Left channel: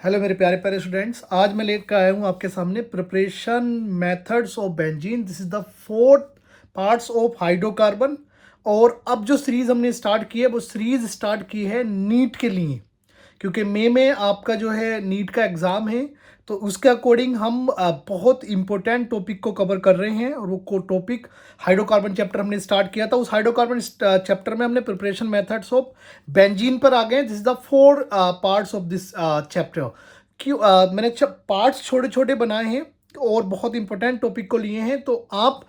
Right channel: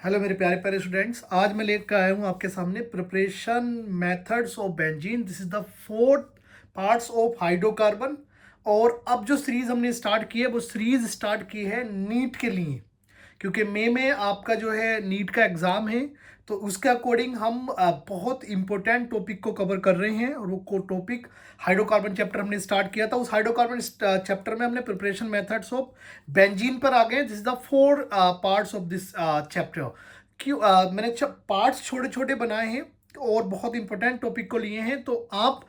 Hello मेरे प्यारे प्यारे स्टूडेंट्स, आज मैं लेकर आया हूँ आपके सामने preparation methods of benzene. This is the fourth parts of hydrocarbon. और अब जो सीरीज हमने स्टार्ट की है वो सीरीज स्टार्ट की है नीट के लिए, क्योंकि मई में आपका जो है नीट का एग्ज़ाम है। तो उसके अकॉर्डिंग हम बहुत इंपॉर्टेंट टॉपिक को कवर कर रहे हैं। और वो टॉपिक हाइड्रोकार्बन चैप्टर हमने स्टार्ट किया था। उस हाइड्रोकार्बन चैप्टर में हमने प्रिपरेशन मेथड्स ऑफ बेंजीन पर आ गए। This is the four parts of this chapter. क्यों मैंने पार्ट्स छोटे छोटे बनाए हैं और बहुत इंपॉर्टेंट टॉपिक को लिए हैं। तो आप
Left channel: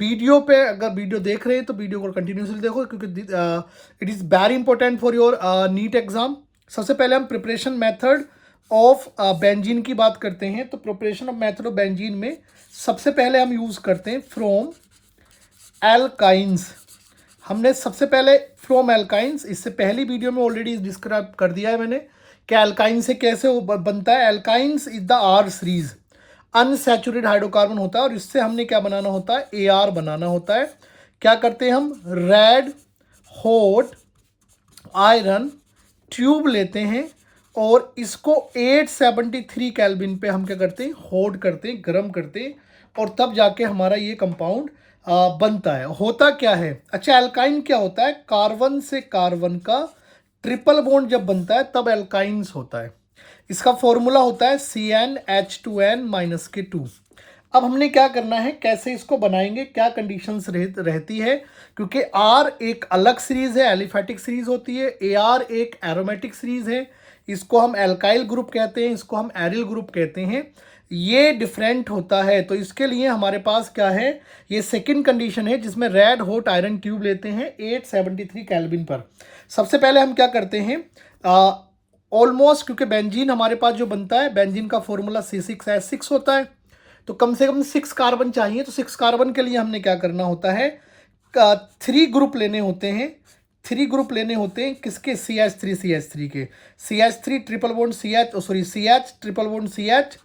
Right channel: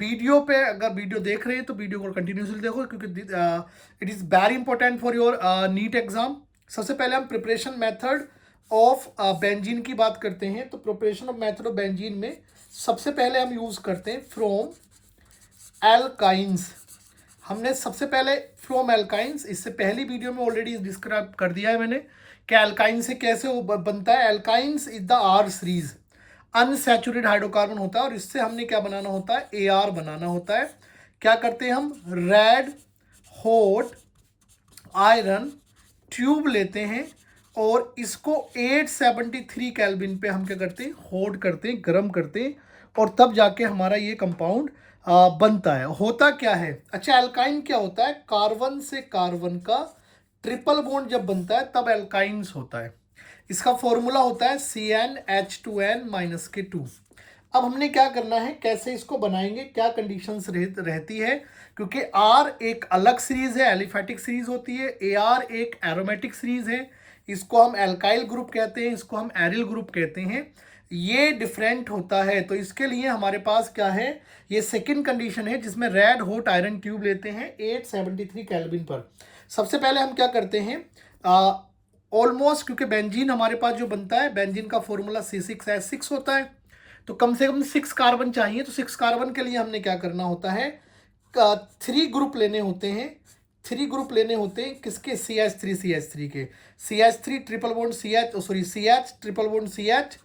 वीडियो पे अगर वीडियो देख रहे हैं तो वीडियो को कंटिन्यूसली देखो, क्योंकि it is very important for your NEET exam. सबसे पहले हम प्रिपरेशन मेथड ऑफ बेंजीन की बात करते हैं। तो preparation of method of benzene में सबसे पहले हम यूज़ करते हैं फ्रॉम एल्काइंस। हमने सबसे पहले फ्रॉम एल्काइंस, इससे पहली वीडियो में ऑलरेडी डिस्क्राइब कर दिया है मैंने कि एल्काइन से कैसे वो बनता है। Alkynes is the R series, unsaturated hydrocarbon होता है। और इससे हमने क्या बनाना होता है, ए आर बनाना होता है। क्या करते हैं हम, रेड हॉट आयरन ट्यूब लेते हैं और इसको 873 केल्विन पे हम क्या करते हैं, हॉट करते हैं, गर्म करते हैं। और तब जाके हमारा ये कंपाउंड बनता है। होता क्या है, अच्छा एल्काइन क्या होता है, कार्बन से कार्बन का ट्रिपल बॉन्ड जब बनता है तब एल्काइंस होता है। इसका फॉर्मूला होता है CnH2n-2। अब हमने क्या करना है, कैसे इसको बनाएंगे, क्या कंडीशंस रहती है, क्योंकि आर एक अलग सीरीज है, एलिफेटिक सीरीज होती है। ए आर एक एरोमेटिक सीरीज है। इसको हम एल्काइल ग्रुप कहते हैं, इसको हम एरिल ग्रुप कहते हैं। ये डिफरेंट होता है। तो इसके लिए हमारे पास क्या है, ये सेकंड कंडीशन है जिसमें रेड हॉट आयरन ट्यूब लेते हैं 873 केल्विन पर। सबसे पहले हम क्या करते हैं, ऑलमोस्ट, क्योंकि बेंजीन हमारे पास जो बनता है, बेंजीन का फॉर्मूला C6H6 होता है। तो कम से कम 6 कार्बन चाहिए। तो 6 कार्बन के लिए हमने क्या करना होता है, 3 ग्रुप लेने होते हैं। 3 ग्रुप लेने होते हैं किसके, CH3 के। CH3 triple bond CH, sorry CH triple bond CH,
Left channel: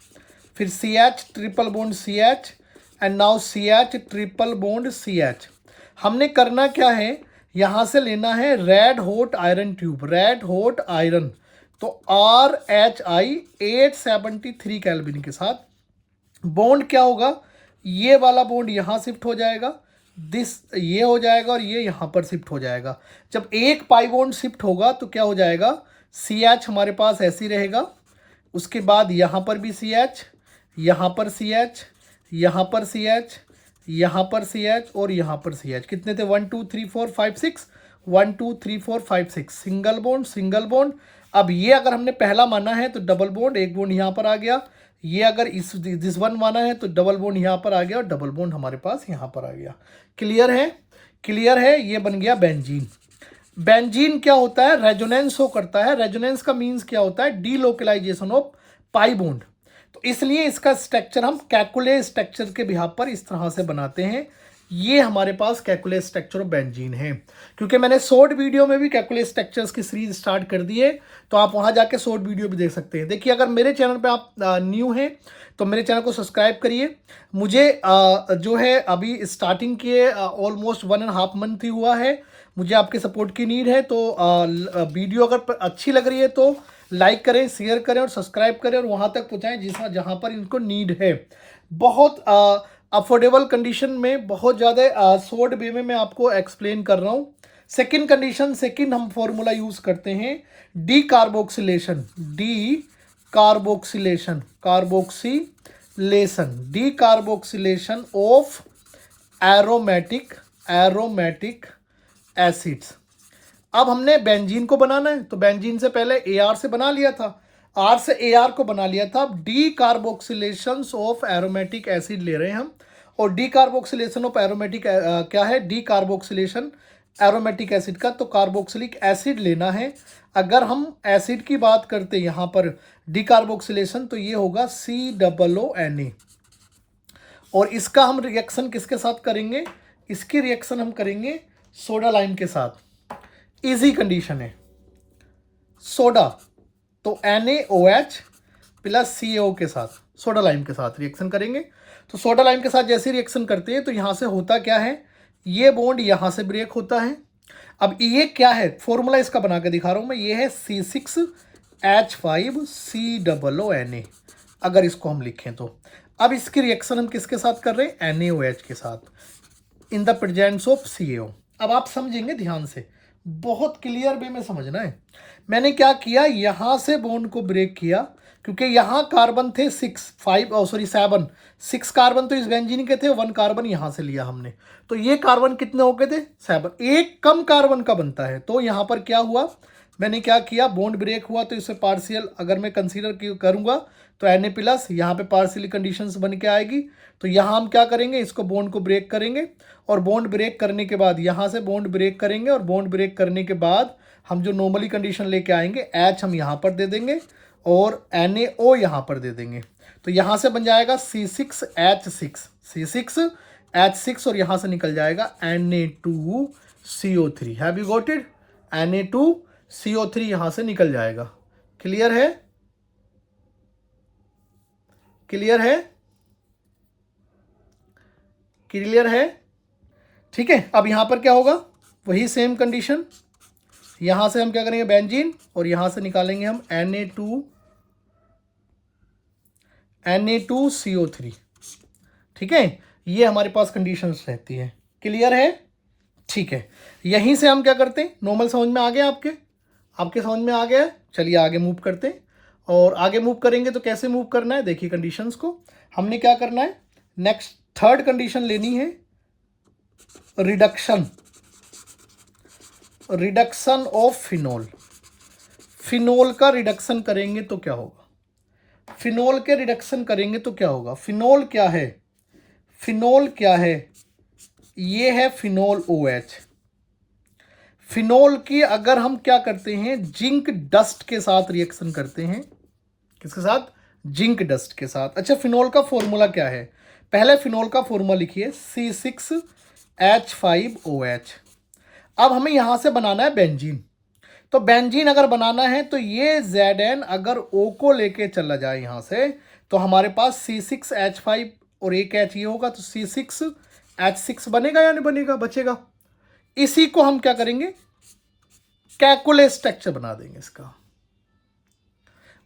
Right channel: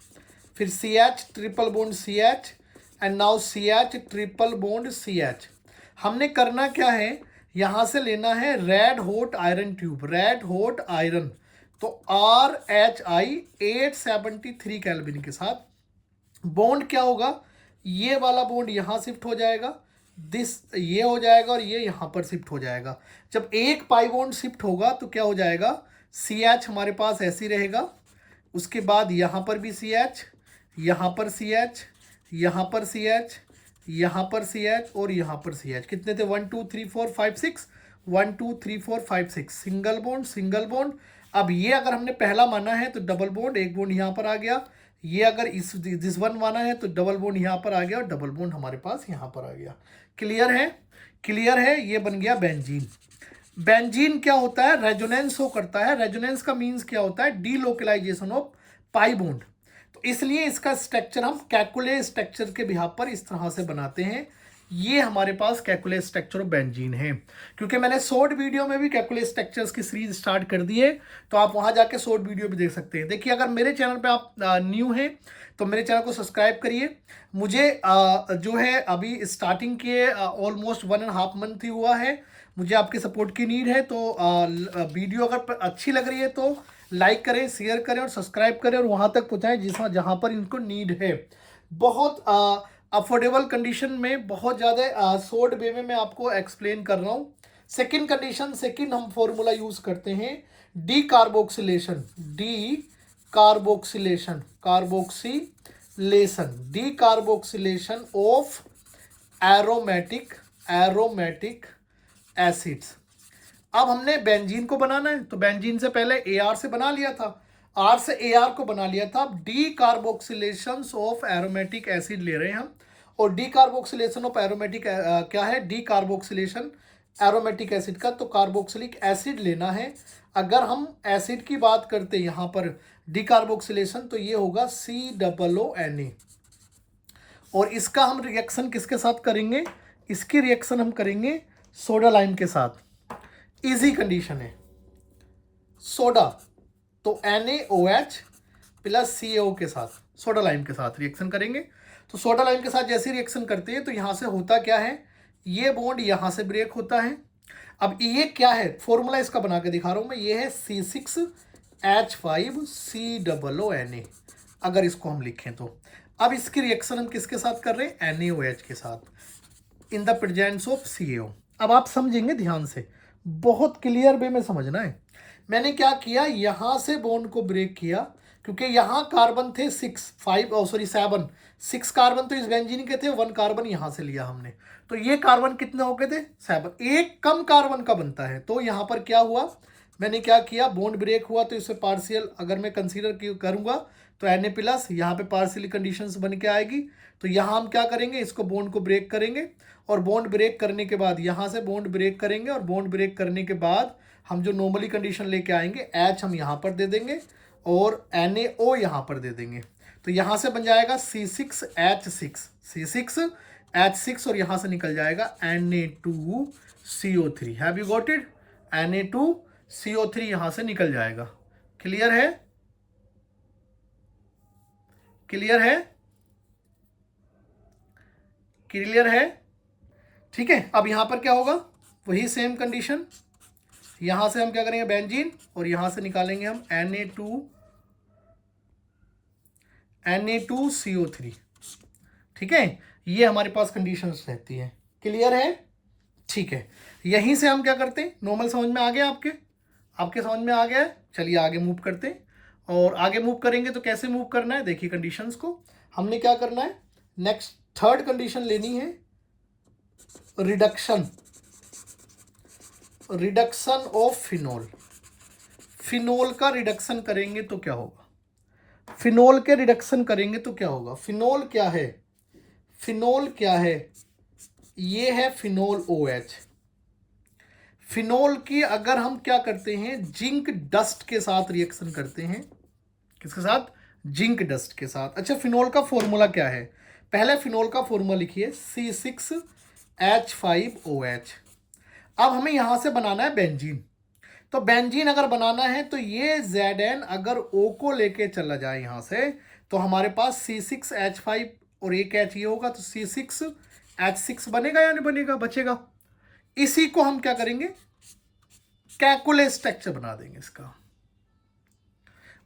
फिर CH triple bond CH and now CH triple bond CH। हमने करना क्या है, यहाँ से लेना है red hot iron tube, red hot iron. तो RHI 873 केल्विन के साथ बॉन्ड क्या होगा, ये वाला बॉन्ड यहाँ शिफ्ट हो जाएगा, दिस ये हो जाएगा और ये यहाँ पर शिफ्ट हो जाएगा। जब एक पाई बॉन्ड शिफ्ट होगा तो क्या हो जाएगा, CH हमारे पास ऐसे ही रहेगा। उसके बाद यहाँ पर भी CH, यहाँ पर CH, यहाँ पर CH, यहाँ पर CH और यहाँ पर CH। कितने थे, 1 2 3 4 5 6, 1 2 3 4 5 6, सिंगल बॉन्ड सिंगल बॉन्ड। अब ये अगर हमने पहला माना है तो डबल बॉन्ड, एक बॉन्ड यहाँ पर आ गया। ये अगर इस दिस वन माना है तो डबल बॉन्ड यहाँ पर आ गया और डबल बॉन्ड हमारे पास यहाँ पर आ गया। क्लियर है, क्लियर है, ये बन गया बेंजीन। बेंजीन क्या होता है, रेजोनेंस शो करता है। रेजोनेंस का मीन्स क्या होता है, डीलोकलाइजेशन ऑफ पाई बॉन्ड। तो इसलिए इसका स्ट्रक्चर हम कैकुले स्ट्रक्चर के बिहाफ पर इस तरह से बनाते हैं। ये हमारे पास कैकुले स्ट्रक्चर ऑफ बेंजीन है। क्योंकि मैंने शॉर्ट वीडियो में भी कैकुले स्ट्रक्चर्स की सीरीज स्टार्ट कर दी है, तो आप वहां जाके शॉर्ट वीडियो भी देख सकते हैं। देखिए, अगर मेरे चैनल पे आप न्यू हैं तो मेरे चैनल को सब्सक्राइब करिए। मुझे जो है अभी स्टार्टिंग के ऑलमोस्ट 1.5 मंथ ही हुआ है। मुझे आपके सपोर्ट की नीड है। तो वीडियो अगर अच्छी लग रही है तो लाइक करें, शेयर करें और सब्सक्राइब करें और वहाँ तक पहुँचाएं जहाँ पर इनको नीड है। बहुत अफोर्डेबल कंडीशन में, बहुत ज़्यादा शॉर्ट वे में मैं आपको एक्सप्लेन कर रहा हूँ। सेकंड कंडीशन, सेकंड हम फॉर्मूला यूज़ करते हैं D carboxylation, D carboxylation, carboxylation, D carboxylation of aromatic acids. अब हमने बेंजीन को बनाना है, तो बेंजीन से पहले AR से बना लिया था, R से AR को बना लिया था। अब D carboxylation of aromatic acid ले रहे हैं हम। और डी कार्बोक्सिलेशन ऑफ एरोमेटिक क्या है, डी कार्बोक्सिलेशन एरोमेटिक एसिड का, तो कार्बोक्सिलिक एसिड लेना है। अगर हम एसिड की बात करते हैं यहाँ पर डी कार्बोक्सिलेशन, तो ये होगा COONA। और इसका हम रिएक्शन किसके साथ करेंगे, इसकी रिएक्शन हम करेंगे सोडा लाइम के साथ। इजी कंडीशन है, सोडा तो NaOH प्लस CO के साथ, सोडा लाइम के साथ रिएक्शन करेंगे। तो सोडा लाइम के साथ जैसे रिएक्शन करते हैं तो यहाँ से होता क्या है, ये बॉन्ड यहाँ से ब्रेक होता है। अब ये क्या है, फॉर्मूला इसका बना के दिखा रहा हूँ मैं, ये है H5COO Na, अगर इसको हम लिखें तो। अब इसकी रिएक्शन हम किसके साथ कर रहे हैं, NaOH के साथ in the presence of CaO। अब आप समझेंगे ध्यान से, बहुत क्लियर वे में समझना है। मैंने क्या किया, यहाँ से बॉन्ड को ब्रेक किया, क्योंकि यहाँ कार्बन थे 6 कार्बन तो इस बेंजीन के थे, 1 कार्बन यहाँ से लिया हमने, तो ये कार्बन कितने हो गए थे, 7। एक कम कार्बन का बनता है, तो यहाँ पर क्या हुआ, मैंने क्या किया, बॉन्ड ब्रेक हुआ तो इसे पार्शियल अगर मैं कंसीडर करूँगा तो Na+, यहाँ पे पार्शियली कंडीशंस बन के आएगी। तो यहाँ हम क्या करेंगे, इसको बॉन्ड को ब्रेक करेंगे, और बॉन्ड ब्रेक करने के बाद यहाँ से बॉन्ड ब्रेक करेंगे, और बॉन्ड ब्रेक करने के बाद हम जो नॉर्मली कंडीशन लेके आएंगे, H हम यहाँ पर दे देंगे और NaO यहाँ पर दे देंगे। तो यहाँ से बन जाएगा C6H6 और यहाँ से निकल जाएगा Na2CO3। Have you got it, Na2CO3 यहाँ से निकल जाएगा। क्लियर है, क्लियर है, क्लियर है, ठीक है। अब यहाँ पर क्या होगा, वही सेम कंडीशन, यहाँ से हम क्या करेंगे, बेंजीन, और यहाँ से निकालेंगे हम Na2CO3, ठीक है। ये हमारे पास कंडीशंस रहती है। क्लियर है, ठीक है। यहीं से हम क्या करते हैं, नॉर्मल समझ में आ गया, आपके समझ में आ गया है। चलिए आगे मूव करते हैं, और आगे मूव करेंगे तो कैसे मूव करना है, देखिए कंडीशंस को हमने क्या करना है, नेक्स्ट थर्ड कंडीशन लेनी है, रिडक्शन ऑफ फिनोल। फिनोल का रिडक्शन करेंगे तो क्या होगा, फिनोल के रिडक्शन करेंगे तो क्या होगा, फिनोल क्या है, फिनोल क्या है, ये है फिनोल OH। फिनोल की अगर हम क्या करते हैं, जिंक डस्ट के साथ रिएक्शन करते हैं, किसके साथ, जिंक डस्ट के साथ। अच्छा, फिनोल का फॉर्मूला क्या है, पहले फिनोल का फॉर्मूला लिखिए, C6H5OH। अब हमें यहां से बनाना है बेंजीन, तो बेंजीन अगर बनाना है तो ये Zn अगर O को लेके चला जाए यहां से, तो हमारे पास C6H5 और एक H ये होगा, तो C6H6 बनेगा या नहीं बनेगा, बचेगा। इसी को हम क्या करेंगे, कैलकुलेट स्ट्रक्चर बना देंगे इसका,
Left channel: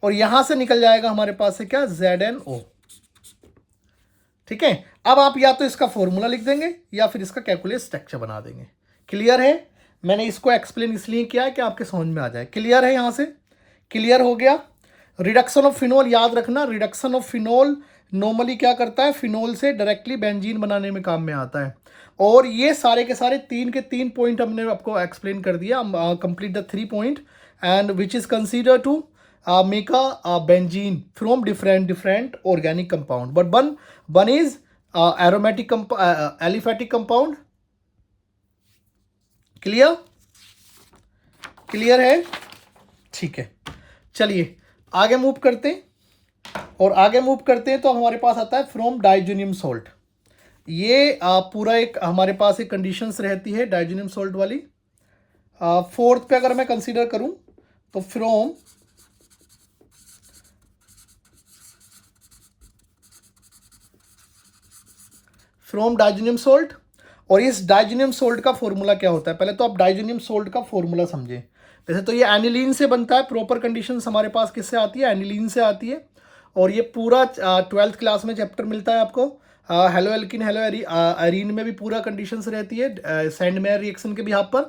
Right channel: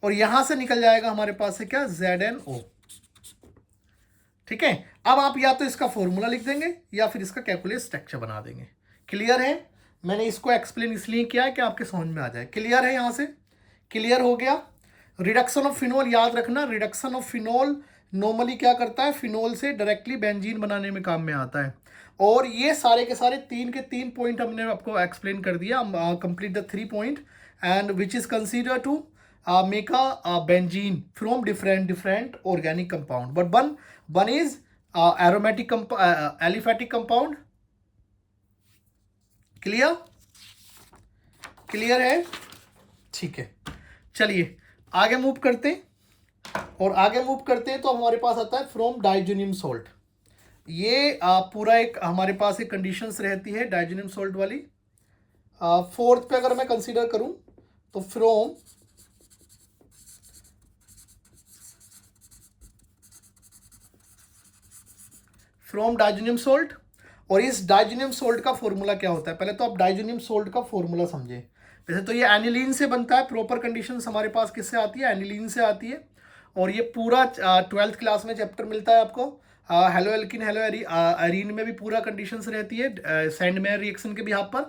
और यहां से निकल जाएगा हमारे पास है क्या, ZnO, ठीक है। अब आप या तो इसका फॉर्मूला लिख देंगे या फिर इसका कैलकुलेट स्ट्रक्चर बना देंगे। क्लियर है, मैंने इसको एक्सप्लेन इसलिए किया है कि आपके समझ में आ जाए। क्लियर है, यहां से क्लियर हो गया। रिडक्शन ऑफ फिनोल याद रखना, रिडक्शन ऑफ फिनोल नॉर्मली क्या करता है, फिनोल से डायरेक्टली बेंजीन बनाने में काम में आता है। और ये सारे के सारे 3 के 3 पॉइंट हमने आपको एक्सप्लेन कर दिया, complete the 3 point and which is consider to make a benzene from different organic compound, but one is aromatic aliphatic compound. Clear, clear है, ठीक है। चलिए आगे मूव करते हैं, और आगे मूव करते हैं तो हमारे पास आता है फ्रॉम डाइजोनियम सोल्ट। ये पूरा एक हमारे पास एक कंडीशंस रहती है डाइजोनियम सोल्ट वाली। फोर्थ पे अगर मैं कंसीडर करूं तो फ्रॉम डाइजोनियम सोल्ट। और इस डाइजोनियम सोल्ट का फॉर्मूला क्या होता है, पहले तो आप डाइजोनियम सोल्ट का फॉर्मूला समझें। वैसे तो ये एनिलीन से बनता है, प्रॉपर कंडीशंस हमारे पास किससे आती है, एनिलीन से आती है। और ये पूरा 12th क्लास में चैप्टर मिलता है आपको, हेलो एल्किन हेलो एरीन में भी पूरा कंडीशंस रहती है सैंड मेयर रिएक्शन के बिहाफ पर।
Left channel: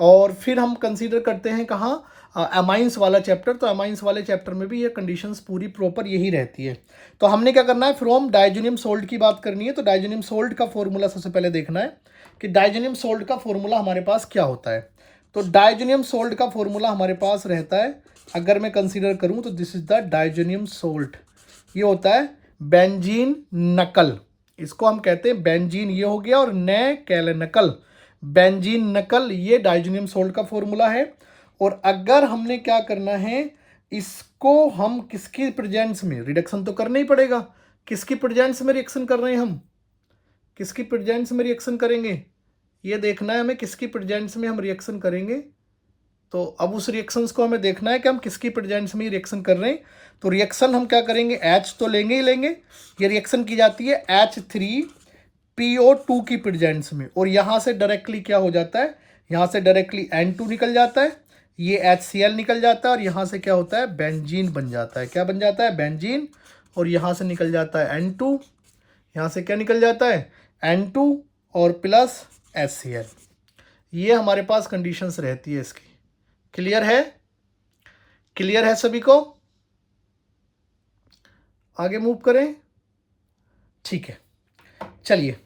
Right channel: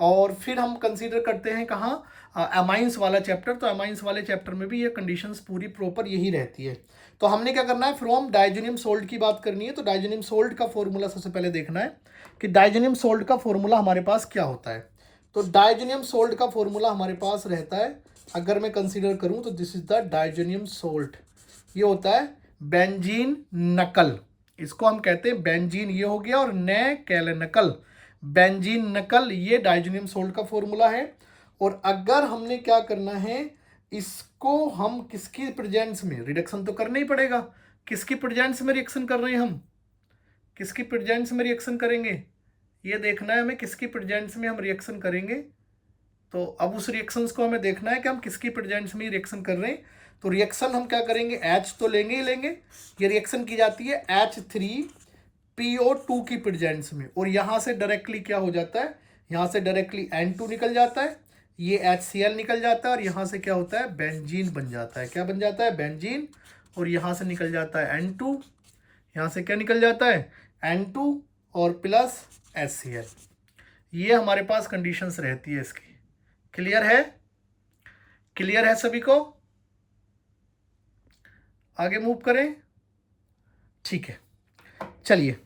और फिर हम कंसीडर करते हैं कहाँ, अमाइंस वाला चैप्टर, तो अमाइंस वाले चैप्टर में भी ये कंडीशंस पूरी प्रॉपर यही रहती है। तो हमने क्या करना है, फ्रॉम डाइजोनियम सोल्ट की बात करनी है, तो डाइजोनियम सोल्ट का फॉर्मूला सबसे पहले देखना है कि डाइजोनियम सोल्ट का फॉर्मूला हमारे पास क्या होता है। तो डाइजोनियम सोल्ट का फॉर्मूला हमारे पास रहता है, अगर मैं कंसीडर करूं तो this is the diazonium salt. ये होता है बेंजीन नकल, इसको हम कहते हैं बेंजीन, ये हो गया, और नकल, बेंजीन नकल, ये डाइजोनियम सोल्ट का फॉर्मूला है। और अगर हमने क्या करना है, इसको हम किसकी प्रेजेंस में, रिडक्शन तो करना ही पड़ेगा, किसकी प्रेजेंस में रिएक्शन कर रहे हैं हम, किसकी प्रेजेंस में रिएक्शन करेंगे, ये देखना है हमें किसकी प्रेजेंस में हम रिएक्शन करेंगे। तो अब उस रिएक्शंस को हमें देखना है कि हम किसकी प्रेजेंस में रिएक्शन कर रहे हैं। तो रिएक्शन हम क्या करेंगे, H तो लेंगे ही लेंगे। ये रिएक्शन की जाती है H3PO2 की प्रेजेंस में, और यहाँ से डायरेक्टली क्या हो जाता है, यहाँ से डायरेक्टली N2 निकल जाता है, ये HCl निकल जाता है और यहाँ से क्या होता है, बेंजीन बन जाता है। क्या बन जाता है, बेंजीन। और यहाँ से निकल जाता है N2, यहाँ से क्या निकल जाता है, N2 और प्लस HCl। ये हमारे पास कंडीशंस रहती है इसकी। क्लियर है, क्लियर है सभी को? आगे मूव करें, ठीक है। चलिए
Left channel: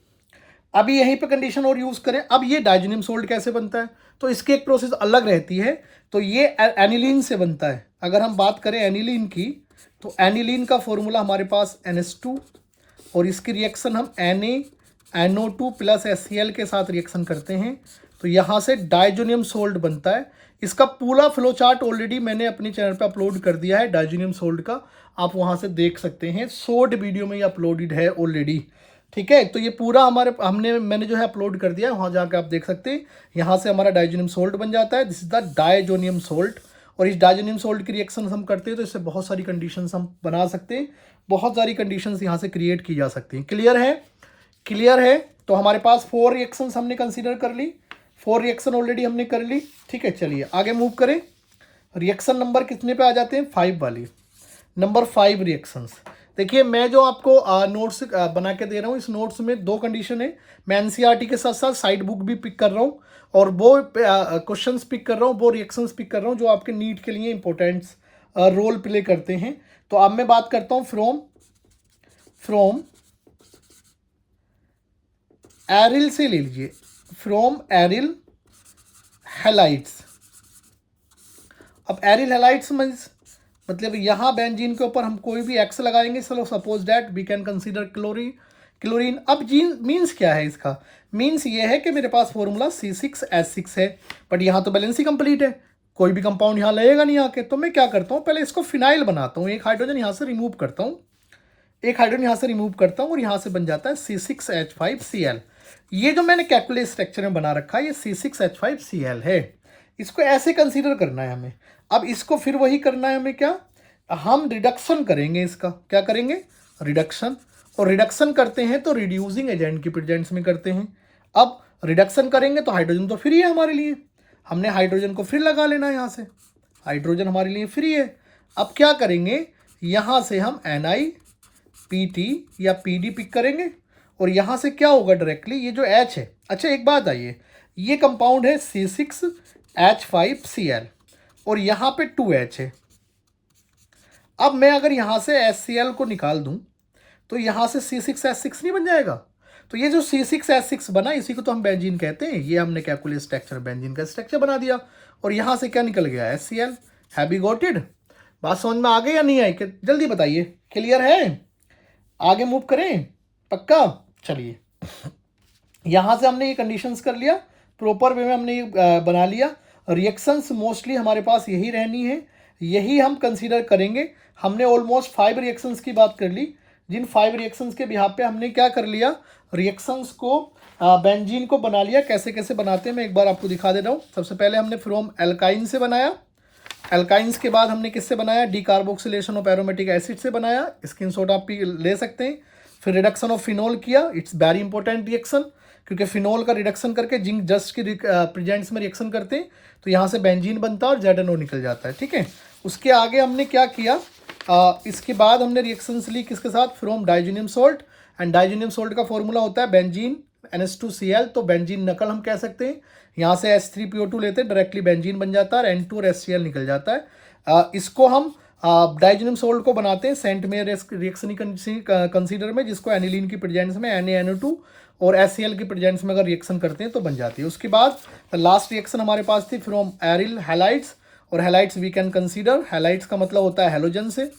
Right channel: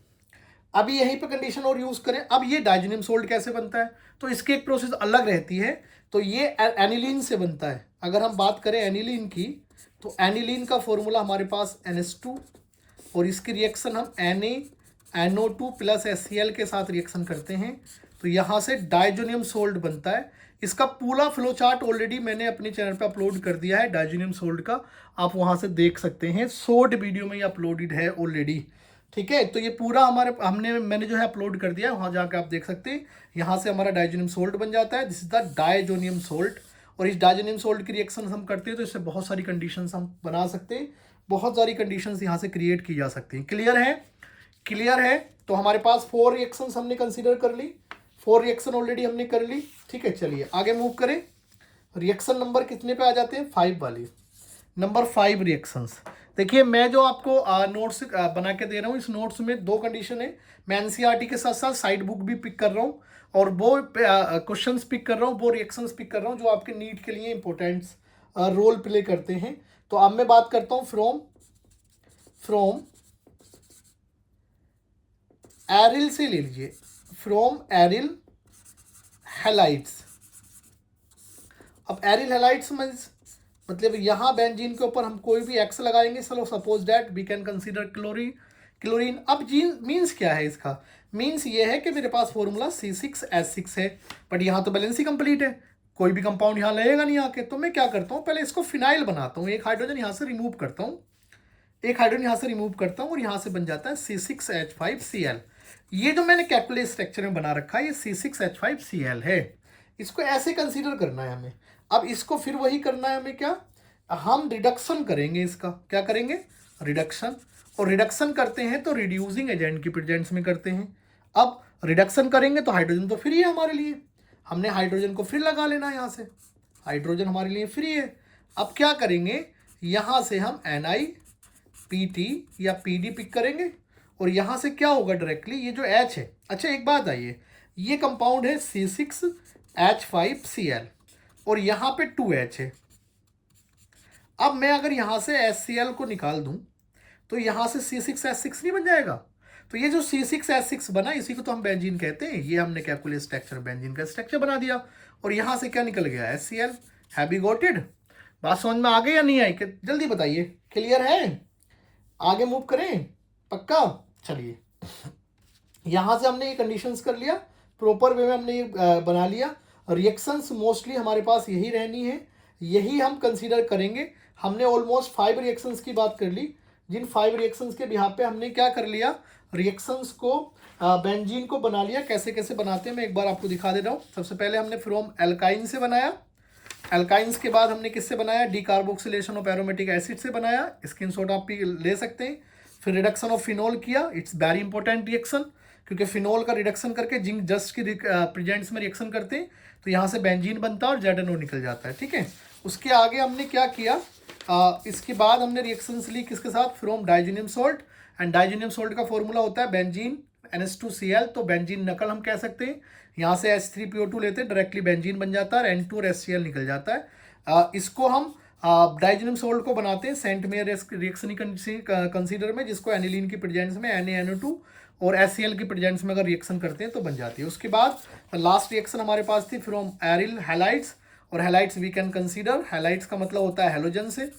अभी यहीं पे कंडीशन और यूज करें। अब ये डाइजेनियम सोल्ट कैसे बनता है, तो इसकी एक प्रोसेस अलग रहती है। तो ये एनिलीन से बनता है। अगर हम बात करें एनिलीन की, तो एनिलीन का फॉर्मूला हमारे पास NH2 और इसकी रिएक्शन हम NaNO2 प्लस HCl के साथ रिएक्शन करते हैं, तो यहाँ से डाइजेनियम सोल्ट बनता है। इसका पूरा फ्लो चार्ट ऑलरेडी मैंने अपने चैनल पे अपलोड कर दिया है डाइजेनियम सोल्ट का, आप वहाँ से देख सकते हैं। शॉर्ट वीडियो में ये अपलोडेड है ऑलरेडी, ठीक है। तो ये पूरा मैंने जो है अपलोड कर दिया है, वहाँ जाकर आप देख सकते हैं। यहाँ से हमारा डाइजेनियम सोल्ट बन जाता है, this is the diazonium salt. और इस डाइजेनियम सोल्ट की रिएक्शन हम करते हैं तो इससे बहुत सारी कंडीशंस हम बना सकते हैं, बहुत सारी कंडीशंस यहाँ से क्रिएट की जा सकती हैं। क्लियर है, क्लियर है? तो हमारे पास 4 रिएक्शंस हमने कंसीडर कर ली, 4 रिएक्शन ऑलरेडी हमने कर ली, ठीक है। चलिए आगे मूव करें। रिएक्शन नंबर कितने पे आ जाते हैं, 5 वाली। Number 5 reactions. देखिए मैं जो आपको नोट्स बना के दे रहा हूँ, इस नोट्स में 2 कंडीशन है। मैं NCERT के साथ साथ साइड बुक भी पिक कर रहा हूँ और वो क्वेश्चंस पिक कर रहा हूँ, वो रिएक्शंस पिक कर रहा हूँ जो आपके नीट के लिए इंपॉर्टेंट रोल प्ले करते हैं। तो अब मैं बात करता हूँ फ्रॉम एरिल से ले लीजिए, फ्रॉम एरिल हैलाइड्स। अब एरिल हैलाइड्स मतलब यहाँ बेंजीन के ऊपर हम कोई भी X लगाएंगे, चलो suppose that we can consider chlorine. अब जीन मीन्स क्या है इसका, मीन्स ये है कि मेरे पास फॉर्मूला C6H6 है, बट यहाँ तो बैलेंस ही कंप्लीट है, कोई भी कंपाउंड यहाँ लगेगा नहीं आके। तो मैं क्या करता हूँ, पहले इसको फिनाइल बनाता हूँ, एक हाइड्रोजन यहाँ से रिमूव करता हूँ, एक हाइड्रोजन यहाँ से रिमूव करता हूँ और यहाँ से बन जाता है C6H5Cl। ये जो मैंने कैलकुलेट स्ट्रक्चर में बना रखा है ये C6H5Cl है। इसको ऐसे कंसीडर करना है हमें। अब इसको फिर वही करना है हमें, क्या हम रिडक्शन करेंगे इसका, क्या करेंगे, रिडक्शन। और रिडक्शन करते हैं तो रिड्यूसिंग एजेंट की प्रेजेंस में करते हैं। अब रिडक्शन करेंगे तो हाइड्रोजन तो फ्री है हमारे लिए, हमने हाइड्रोजन को फिर लगा लेना है, यहाँ से हाइड्रोजन हमारे लिए फ्री है। अब क्या करेंगे, यहाँ से हम NiPt या Pd पिक करेंगे और यहाँ से क्या होगा डायरेक्टली, ये जो H है। अच्छा एक बात आइए, ये कंपाउंड है C6H5Cl और यहाँ पे 2H है। अब मैं अगर यहाँ से HCl को निकाल दूं तो यहाँ से C6H6 नहीं बन जाएगा। तो ये जो C6H6 बना इसी को तो हम बेंजीन कहते हैं। ये हमने कैलकुलेट स्ट्रक्चर बेंजीन का स्ट्रक्चर बना दिया और यहाँ से क्या निकल गया, HCl। Have you got it? बात समझ में आ गई या नहीं आई, जल्दी बताइए। क्लियर है? आगे मूव करें, पक्का? चलिए यहाँ से हमने ये कंडीशंस कर लिया, प्रॉपर वे में हमने ये बना लिया। रिएक्शंस मोस्टली हमारे पास यही रहनी है, यही हम कंसीडर करेंगे। हमने ऑलमोस्ट 5 रिएक्शंस की बात कर ली, जिन 5 रिएक्शंस के बिहाफ पे हमने क्या कर लिया, रिएक्शंस को बेंजीन को बना लिया। कैसे कैसे बनाते हैं मैं एक बार आपको दिखा दे रहा हूँ। सबसे पहले हमने फ्रॉम एल्काइन से बनाया, एल्काइंस के बाद हमने किससे बनाया, डीकार्बोक्सिलेशन ऑफ एरोमेटिक एसिड से बनाया, स्क्रीनशॉट आप भी ले सकते हैं। फिर रिडक्शन ऑफ फिनोल किया, इट्स वेरी इंपॉर्टेंट रिएक्शन, क्योंकि फिनोल का रिडक्शन करके जिंक जस्ट की प्रेजेंट्स में रिएक्शन करते हैं तो यहाँ से बेंजीन बनता है और ZNO निकल जाता है, ठीक है। उसके आगे हमने क्या किया, इसके बाद हमने रिएक्शंस ली किसके साथ, फ्रॉम डाइजेनियम सोल्ट। एंड डाइजेनियम सोल्ट का फॉर्मूला होता है बेंजीन NH2Cl, तो बेंजीन नकल हम कह सकते हैं। यहाँ से H3PO2 लेते हैं, डायरेक्टली बेंजीन बन जाता है, N2 और HCl निकल जाता है। इसको हम डाइजेनियम सोल्ट को बनाते हैं सेंट मेयर रिएक्शन कंसीडर में, जिसको एनिलीन की प्रेजेंस में NaNO2 और HCl की प्रेजेंस में अगर रिएक्शन करते हैं तो बन जाती है। उसके बाद लास्ट रिएक्शन हमारे पास थी फ्रॉम एरिल हैलाइड्स, और halides we can consider, halides का मतलब होता है हेलोजन से,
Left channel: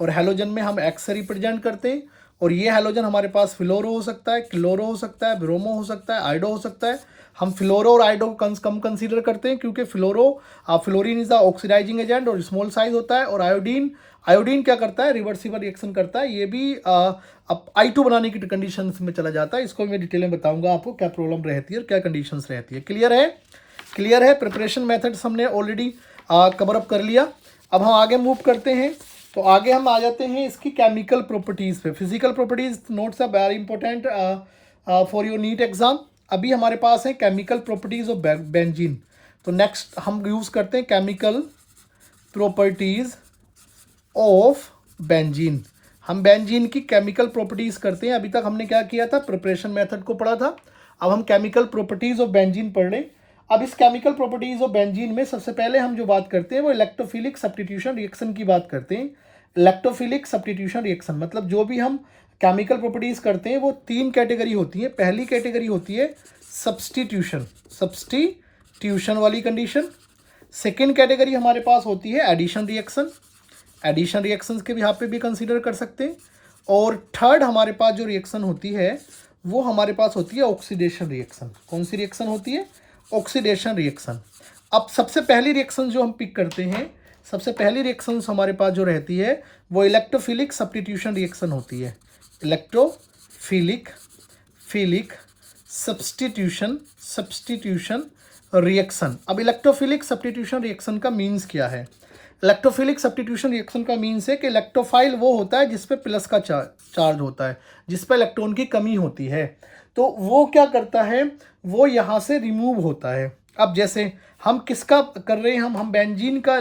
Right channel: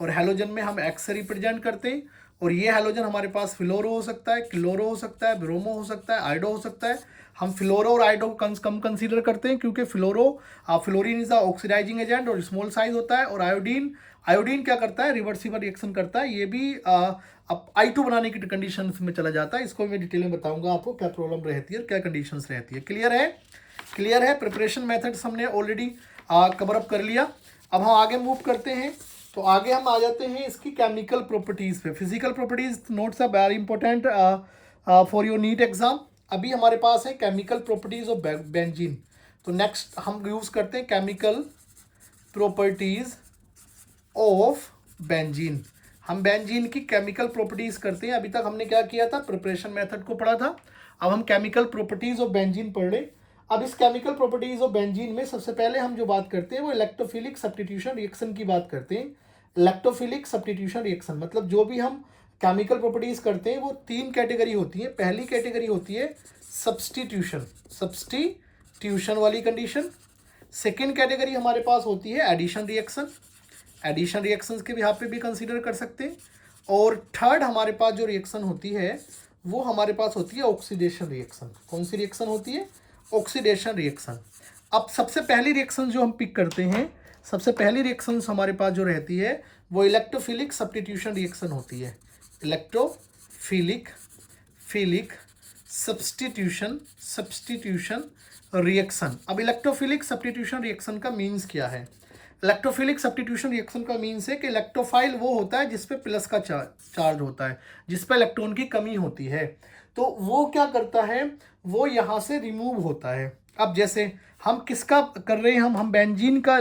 और हेलोजन में हम X से रिप्रेजेंट करते हैं। और ये हेलोजन हमारे पास फ्लोरो हो सकता है, क्लोरो हो सकता है, ब्रोमो हो सकता है, आइडो हो सकता है। हम फ्लोरो और आइडो को कम कंसीडर करते हैं क्योंकि fluorine is the oxidizing agent और स्मॉल साइज होता है। और आयोडीन क्या करता है, रिवर्सिबल रिएक्शन करता है, ये भी अब I2 बनाने की कंडीशन में चला जाता है। इसको मैं डिटेल में बताऊंगा आपको क्या प्रॉब्लम रहती है और क्या कंडीशंस रहती है। क्लियर है? क्लियर है? प्रिपरेशन मेथड्स हमने ऑलरेडी कवर अप कर लिया। अब हम आगे मूव करते हैं, तो आगे हम आ जाते हैं इसकी केमिकल प्रॉपर्टीज़ पे। Physical properties notes are very important for your NEET exam. अभी हमारे पास है केमिकल प्रॉपर्टीज ऑफ बेंजीन। तो नेक्स्ट हम यूज़ करते हैं केमिकल प्रॉपर्टीज़ ऑफ बेंजीन। हम बेंजीन की केमिकल प्रॉपर्टीज़ करते हैं। अभी तक हमने क्या किया था, प्रिपरेशन मेथड को पढ़ा था। अब हम केमिकल प्रॉपर्टीज़ ऑफ बेंजीन पढ़ रहे हैं। अब इस केमिकल प्रॉपर्टीज़ ऑफ बेंजीन में सबसे पहले हम जो बात करते हैं वो इलेक्ट्रोफिलिक सब्स्टिट्यूशन रिएक्शन की बात करते हैं। इलेक्ट्रोफिलिक सब्स्टिट्यूशन रिएक्शन मतलब जो भी हम केमिकल प्रॉपर्टीज़ करते हैं वो 3 कैटेगरी होती है। पहली कैटेगरी होती है सब्स्टिट्यूशन वाली कंडीशन। सेकेंड कैटेगरी हमारे पास होती है एडिशन रिएक्शन, एडिशन रिएक्शंस के भी यहाँ पे भी कंसीडर कर सकते हैं। और थर्ड हमारे पास जो रिएक्शन होती है वो हमारे पास होती है ऑक्सीडेशन रिएक्शन। कौन सी रिएक्शन होती है, ऑक्सीडेशन रिएक्शन। अब सबसे पहली रिएक्शन जो हम पिक करते हैं, सबसे पहली रिएक्शन हमारे पास जो रहती है वो इलेक्ट्रोफिलिक सब्स्टिट्यूशन रिएक्शन होती है। Electrophilic substitution reaction. अब इलेक्ट्रोफिलिक सब्स्टिट्यूशन रिएक्शन का मीन्स क्या है? इलेक्ट्रोफिलिक सब्स्टिट्यूशन रिएक्शन का मीन्स है कि इलेक्ट्रोफाइल वो होता है जिस पे प्लस का चार्ज होता है, जिस पे इलेक्ट्रॉन की कमी होती है। तो वो क्या करता है, वो यहाँ से रिमूव होता है। अब जैसे हम किसका कर रहे हैं, हम बेंजीन का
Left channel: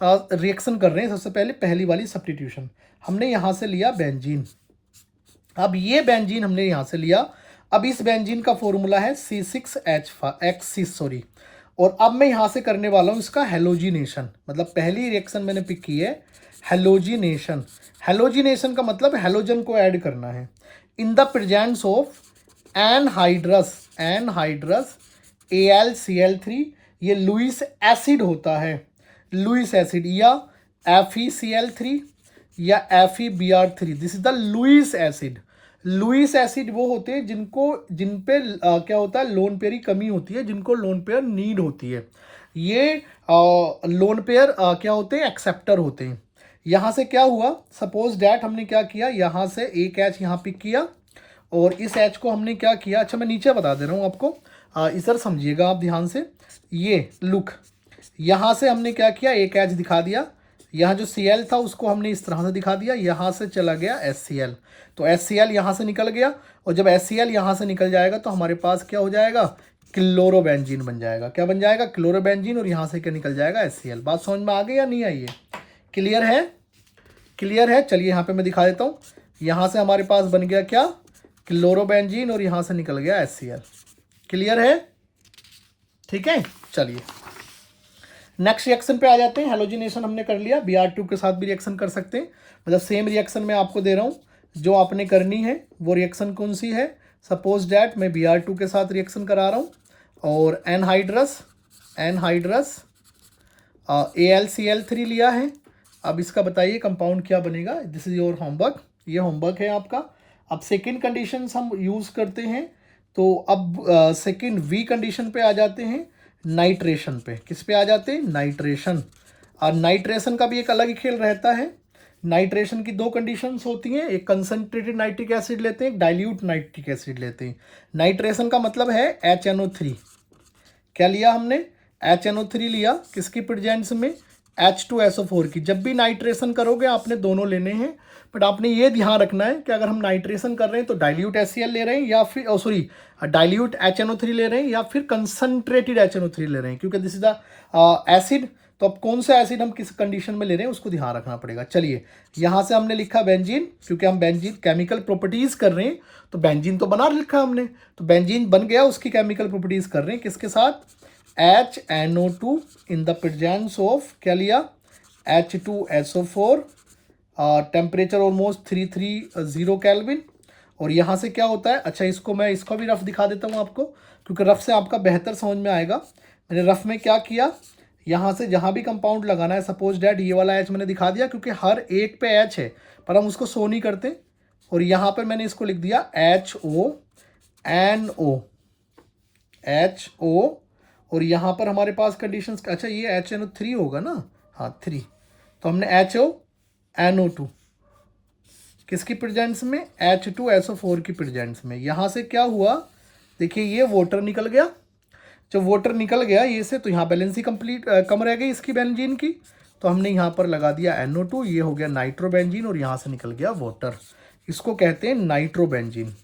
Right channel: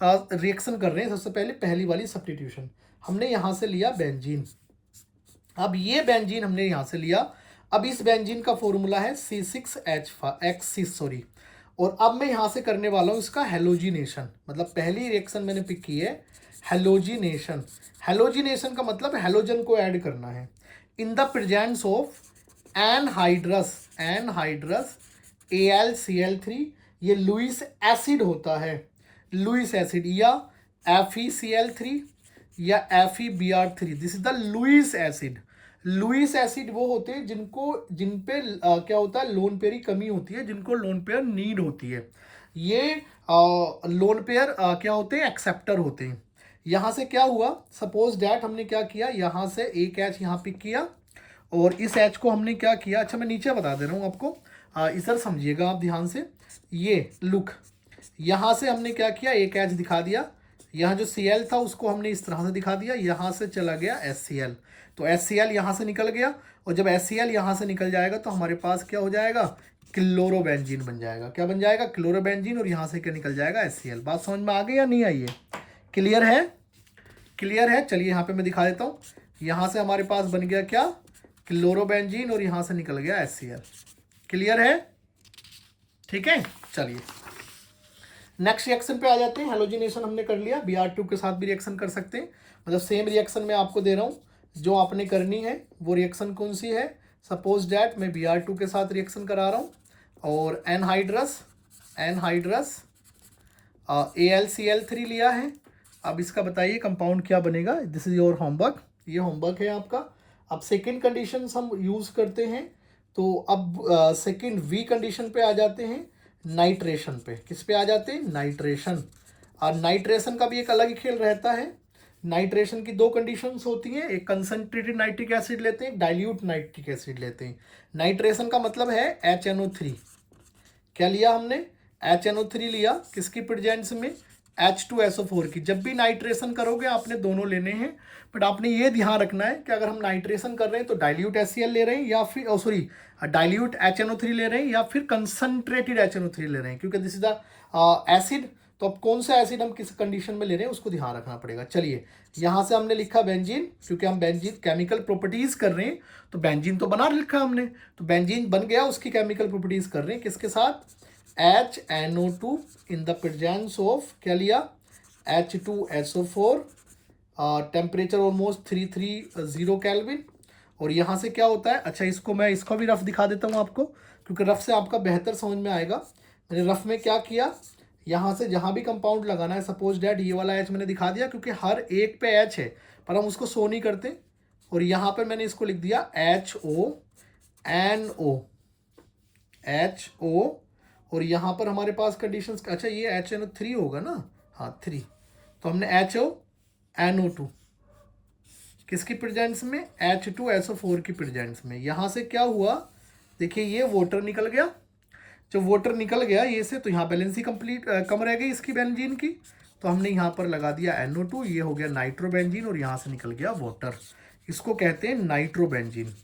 रिएक्शन कर रहे हैं। सबसे पहले पहली वाली सब्स्टिट्यूशन हमने यहाँ से लिया बेंजीन। अब ये बेंजीन हमने यहाँ से लिया। अब इस बेंजीन का फॉर्मूला है C6H6 और अब मैं यहाँ से करने वाला हूँ इसका हेलोजिनेशन। मतलब पहली रिएक्शन मैंने पिक की है हेलोजिनेशन। हेलोजिनेशन का मतलब हेलोजन को ऐड करना है in the presence of anhydrous AlCl3। ये लुईस एसिड होता है, लुईस एसिड या FeCl3 या FeBr3। This is the Lewis acid. Lewis acid वो होते हैं जिन पे क्या होता है, लोन पेयर की कमी होती है, जिनको लोन पेयर नीड होती है। ये लोन पेयर क्या होते हैं, एक्सेप्टर होते हैं। यहाँ से क्या हुआ, सपोज डैट हमने क्या किया, यहाँ से एक H यहाँ पिक किया और इस H को हमने क्या किया, अच्छा मैं नीचे बता दे रहा हूँ आपको, इधर समझिएगा आप ध्यान से। ये लुक, यहाँ से हमने क्या किया, एक H दिखा दिया। यहाँ जो Cl था उसको हमने इस तरह से दिखा दिया। यहाँ से चला गया HCl, तो HCl यहाँ से निकल गया। और जब HCl यहाँ से निकल जाएगा तो हमारे पास क्या हो जाएगा, क्लोरोबेंजीन बन जाएगा। क्या बन जाएगा, क्लोरोबेंजीन। और यहाँ से क्या निकल जाएगा, HCl। बात समझ में आ गई या नहीं आई है? क्लियर है, क्लियर है। चलिए यहाँ पे मैं दिखा देता हूँ। यहाँ से हमारे पास बन गया क्या, क्लोरोबेंजीन और यहाँ से निकल गया HCl। क्लियर है, ठीक है। चलिए नेक्स्ट रिएक्शन पे आ जाते हैं। हेलोजिनेशन हमने कर लिया, Br2 के साथ भी रिएक्शन कर सकते हैं। मतलब सेम रिएक्शन मैं आपको दे रहा हूँ, जो आपने करनी है वो रिएक्शन कौन सी है। सपोज डैट मैं Br2 के साथ रिएक्शन करा रहा हूँ और एनहाइड्रस AlCl3 लिया है। अब इसका बताइए कंपाउंड क्या बनेगा। दिस इज योर होमवर्क, ये होमवर्क है आपका। अब सेकेंड कंडीशन हम यूज़ करते हैं। तो अब सेकेंड वी कंडीशन पे आ जाते हैं, नाइट्रेशन पे। किस पे आ जाते हैं, नाइट्रेशन। और नाइट्रेशन का भी एक अलग ही खेल रहता है। नाइट्रेशन की 2 कंडीशंस होती हैं, एक कंसनट्रेटेड नाइट्रिक एसिड लेते हैं, एक डाइल्यूट नाइट्रिक एसिड लेते हैं। नाइट्रेशन का मतलब है HNO3। क्या लिया हमने, HNO3 लिया, किसकी प्रेजेंस में, H2SO4 की। जब भी नाइट्रेशन करोगे आपने दोनों लेने हैं, बट आपने ये ध्यान रखना है कि अगर हम नाइट्रेशन कर रहे हैं तो डाइल्यूट HCl ले रहे हैं या फिर डाइल्यूट HNO3 ले रहे हैं या फिर कंसनट्रेटेड HNO3 ले रहे हैं, क्योंकि दिस इज द एसिड। तो अब कौन सा एसिड हम किस कंडीशन में ले रहे हैं उसको ध्यान रखना पड़ेगा। चलिए यहाँ से हमने लिखा बेंजीन, क्योंकि हम बेंजीन केमिकल प्रॉपर्टीज कर रहे हैं तो बेंजीन तो बना लिखा हमने, तो बेंजीन बन गया, उसकी केमिकल प्रॉपर्टीज कर रहे हैं किसके साथ, HNO2 in the presence of क्या लिया, H2SO4, टेम्परेचर ऑलमोस्ट 330 केल्विन। और यहाँ से क्या होता है, अच्छा इसको मैं इसका भी रफ दिखा देता हूँ आपको, क्योंकि रफ से आपका बेहतर समझ में आएगा। मैंने रफ में क्या किया, यहाँ से जहाँ भी कंपाउंड लगाना है, सपोज डैट ये वाला H मैंने दिखा दिया, क्योंकि हर एक पे H है पर हम उसको शो नहीं करते। और यहाँ पे मैंने इसको लिख दिया HO और यहाँ पर हमारे पास कंडीशंस, अच्छा ये HNO3 होगा ना, हाँ 3, तो हमने HONO2 किसकी प्रेजेंस में, H2SO4 की प्रेजेंस में। यहाँ से क्या हुआ, देखिए ये वाटर निकल गया। जब वाटर निकल गया ये से, तो यहाँ बैलेंस ही कंप्लीट कम रह गई इसकी बेंजीन की, तो हमने यहाँ पर लगा दिया NO2, ये हो गया नाइट्रोबेंजीन और यहाँ से निकल गया वाटर। इसको कहते हैं नाइट्रोबेंजीन।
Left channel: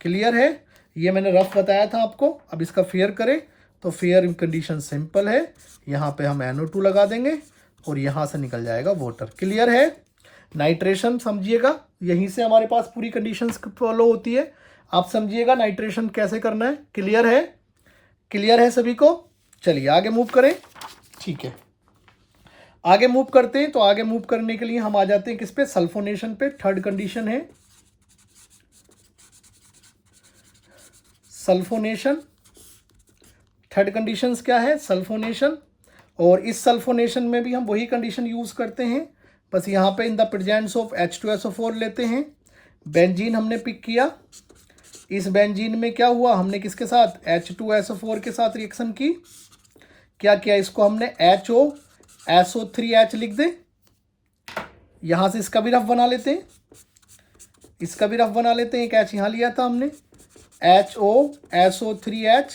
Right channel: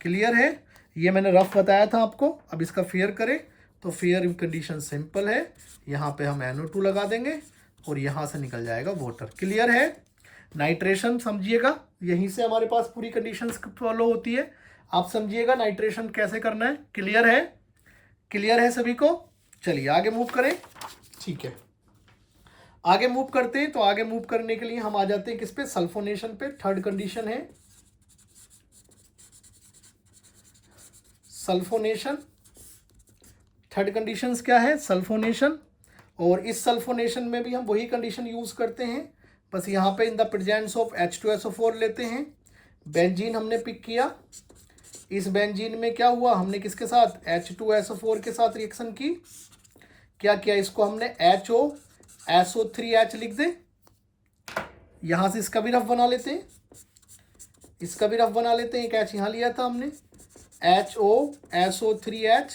क्लियर है। ये मैंने रफ बताया था आपको। अब इसका फेयर करें तो फेयर कंडीशन सिंपल है, यहाँ पे हम NO2 लगा देंगे और यहाँ से निकल जाएगा वाटर। क्लियर है? नाइट्रेशन समझिएगा, यहीं से हमारे पास पूरी कंडीशंस फॉलो होती है। आप समझिएगा नाइट्रेशन कैसे करना है। क्लियर है? क्लियर है सभी को? चलिए आगे मूव करें। ठीक है, आगे मूव करते हैं। तो आगे मूव करने के लिए हम आ जाते हैं किस पे? सल्फोनेशन पे। थर्ड कंडीशन है सल्फोनेशन। थर्ड कंडीशंस क्या है? सल्फोनेशन। और इस सल्फोनेशन में भी हम वही कंडीशन यूज करते हैं, बस यहाँ पे in the presence of H2SO4 लेते हैं। बेंजीन हमने पिक किया, इस बेंजीन में क्या हुआ, हमने किसके साथ? H2SO4 के साथ रिएक्शन की। क्या किया? इसको हमने HOSO3H लिख दे। यहाँ से इसका भी रफ बना लेते हैं, इसका भी रफ बना लेते हैं। एक H यहाँ लिया था हमने, HOSO3H,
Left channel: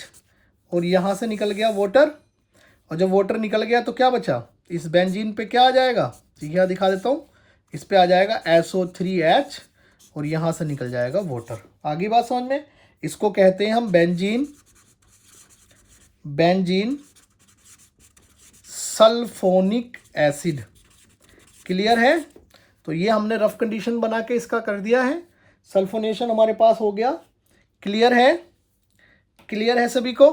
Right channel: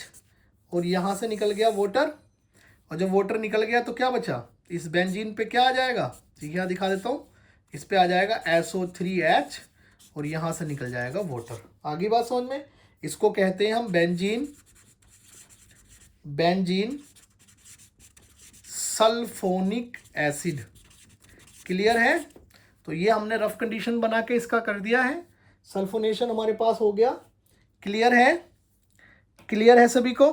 और यहाँ से निकल गया वाटर। और जब वाटर निकल गया तो क्या बचा? इस बेंजीन पे क्या आ जाएगा? यहाँ दिखा देता हूँ, इस पे आ जाएगा SO3H और यहाँ से निकल जाएगा वाटर। आगे बात समझ में? इसको कहते हैं हम बेंजीन सल्फोनिक एसिड। क्लियर है? तो ये हमने रफ कंडीशन बना के इसका कर दिया है, सल्फोनेशन हमारे पास हो गया। क्लियर है? क्लियर है सभी को?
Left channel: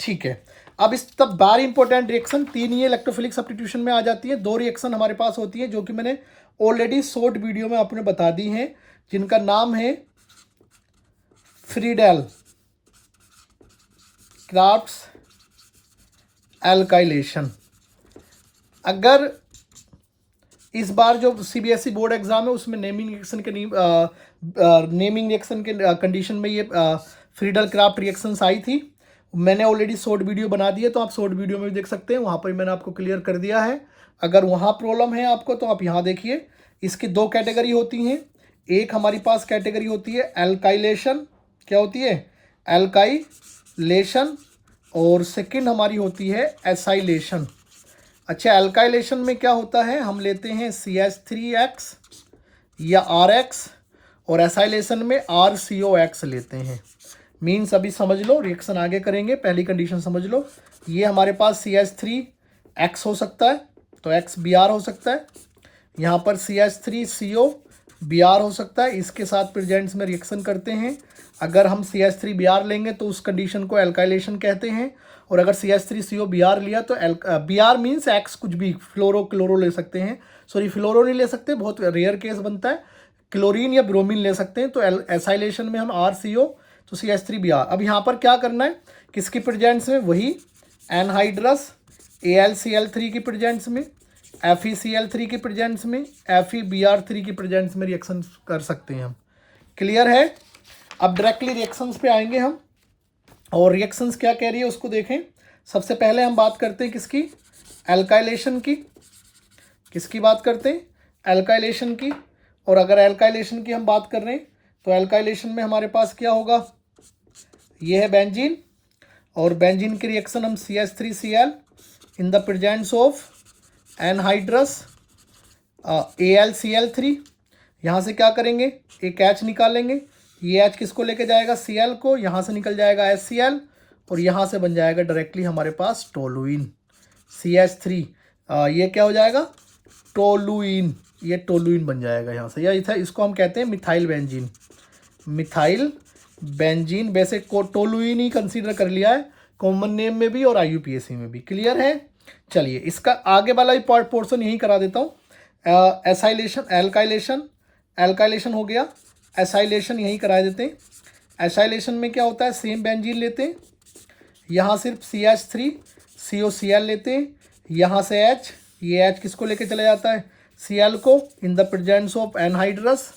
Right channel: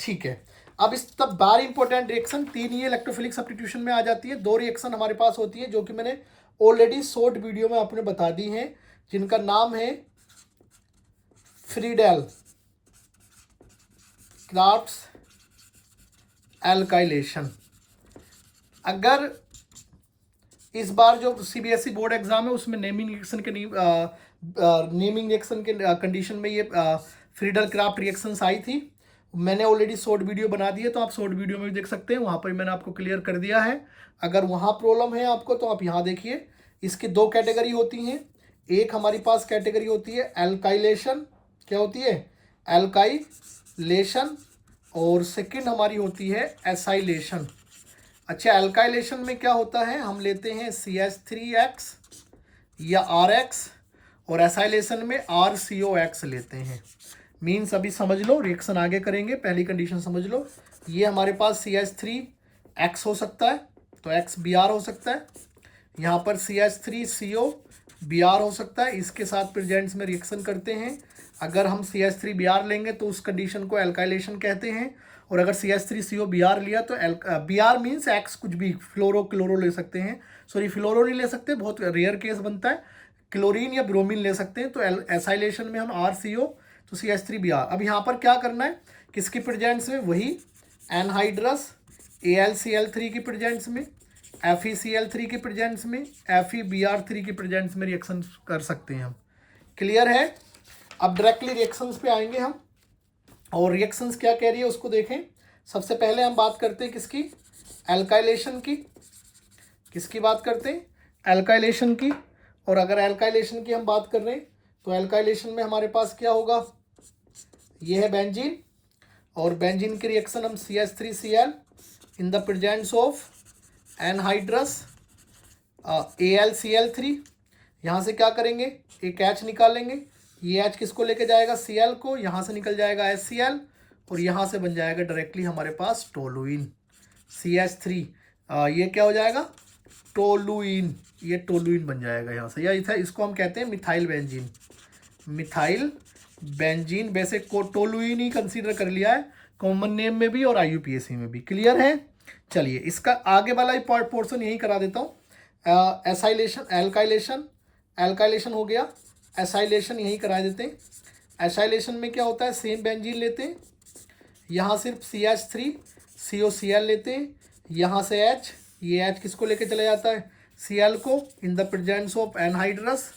ठीक है। अब इस तब बार इंपॉर्टेंट रिएक्शन 3 ही इलेक्ट्रोफिलिक सब्स्टिट्यूशन में आ जाती है। 2 रिएक्शन हमारे पास होती है जो कि मैंने ऑलरेडी शॉर्ट वीडियो में आपने बता दी हैं, जिनका नाम है फ्रीडेल क्राफ्ट्स एल्काइलेशन। अगर इस बार जो CBSE बोर्ड एग्जाम है उसमें नेमिंग रिएक्शन के कंडीशन में ये फ्रीडेल क्राफ्ट रिएक्शंस आई थी। मैंने ऑलरेडी शॉर्ट वीडियो बना दी है, तो आप शॉर्ट वीडियो में भी देख सकते हैं, वहाँ पर मैंने आपको क्लियर कर दिया है। अगर वहाँ प्रॉब्लम है आपको तो आप यहाँ देखिए। इसकी 2 कैटेगरी होती हैं। एक हमारी पास कैटेगरी होती है एल्काइलेशन। क्या होती है? एल्काइलेशन। और सेकंड हमारी होती है एसाइलेशन। अच्छा, एल्काइलेशन में क्या होता है? हम लेते हैं CH3X या RX, और एसाइलेशन में RCOX लेते हैं। मीन्स अभी समझ लो, रिएक्शन आगे करेंगे, पहली कंडीशन समझ लो। ये हमारे पास CH3X हो सकता है, तो XBr हो सकता है। यहाँ पर CH3COBr हो सकता है। इसके साथ प्रेजेंट्स में रिएक्शन करते हैं। अगर हम CH3Br लेंगे तो उस कंडीशन को एल्काइलेशन कहते हैं। और अगर CH3COBr लिया तो Br मीन्स X कुछ भी, क्लोरो ले सकते हैं। सॉरी, फ्लोरो नहीं ले सकते, बहुत रेयर केस बनता है। क्लोरीन या ब्रोमीन ले सकते हैं। तो एसाइलेशन में हम RCO, तो CH3Br। अब यहाँ पर क्या करना है? किसकी प्रेजेंट्स में? वही एनहाइड्रस AlCl3 की प्रेजेंट्स में, FeCl3 की प्रेजेंट्स में, FeBr3 की प्रेजेंट्स में रिएक्शन कर सकते हैं हम। क्लियर है? अब डायरेक्टली रिएक्शंस पे आएंगे हम, और रिएक्शंस क्या कह रही है उसको देखें। सबसे पहले हम बात करते हैं किसकी? एल्काइलेशन की। किसकी बात करते हैं? एल्काइलेशन की। और अगर एल्काइलेशन की हम बात कर रहे हैं तो एल्काइलेशन में हमारे पास क्या होगा? ये है बेंजीन, और बेंजीन की रिएक्शन हम CH3Cl in the presence of anhydrous AlCl3। यहाँ से क्या करेंगे? एक H निकालेंगे। ये H किसको लेके जाएगा? Cl को। यहाँ से निकल जाएगा HCl, और यहाँ से बन जाएगा डायरेक्टली हमारे पास टोलुइन CH3। ये क्या हो जाएगा? टोलुइन। ये टोलुइन बन जाएगा यहाँ से। या इसको हम कहते हैं मिथाइल बेंजीन। मिथाइल बेंजीन, वैसे टोलुइन ही कंसीडर कर लिया है कॉमन नेम में भी और IUPAC में भी। क्लियर है? चलिए इसका आगे वाला ही पोर्शन यही करा देता हूँ। एसाइलेशन, एल्काइलेशन हो गया, एसाइलेशन यही करा देते हैं। एसाइलेशन में क्या होता है? सेम बेंजीन लेते हैं, यहाँ सिर्फ CH3COCl लेते हैं, यहाँ से H, ये H किसको लेके चला जाता है? Cl को, in the presence of anhydrous